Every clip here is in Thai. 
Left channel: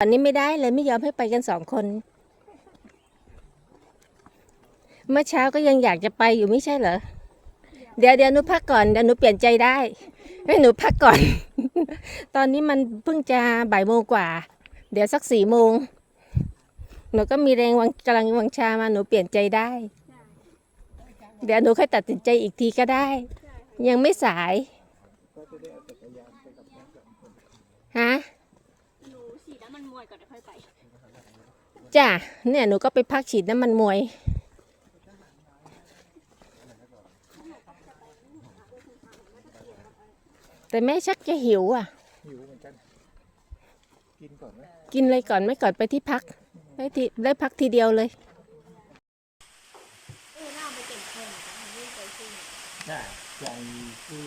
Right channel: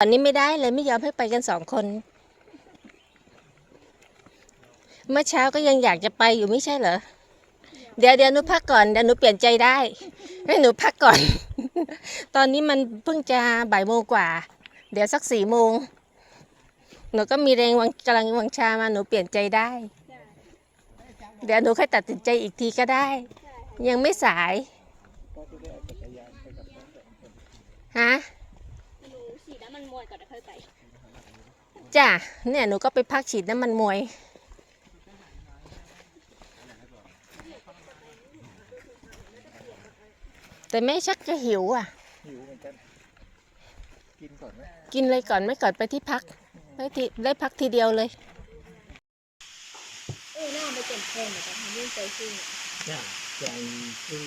ตอนนี้ไม่ได้เลยไม่ยอมให้ไปกันสองคน เมื่อเช้าก็ยังอยากจะไปอยู่ไม่ใช่เหรอ เดี๋ยวเดี๋ยวหนูพักก่อนเดี๋ยวหนูเปลี่ยนใจได้ให้หนูพักก่อน ตอนนี้มันเพิ่งจะบ่ายโมงกว่า เดี๋ยวสักสี่โมงหนูก็มีแรงวังกำลังวังชามาหนูเปลี่ยนใจได้ เดี๋ยวหนูค่อยตัดสินใจอีกทีก็ได้ ยังไม่สายฮะ ฉีดน้ำมันมวยก่อนเดี๋ยวค่อยไป จ้ะเนี่ยหนูก็ไปพักฉีดน้ำมันมวย แต่แม่ชักจะหิวอะ หิวเหมือนกัน กินก่อนไหมกินเลยก่อนไม่ก่อนไปที่พักได้ทีได้พักทีเดียวเลย เออหน้าไปเต็มแค่เหมือนกันยิ่งใจซึ้งจ้าใจซื่อ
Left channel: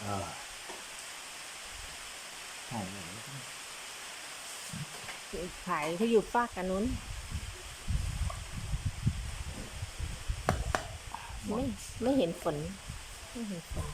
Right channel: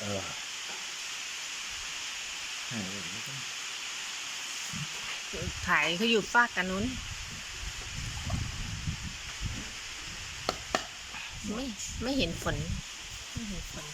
เออหายถ่ายเขาอยู่ฟากกันนู้นไม่ไม่เห็นฝน ไม่เห็นฝน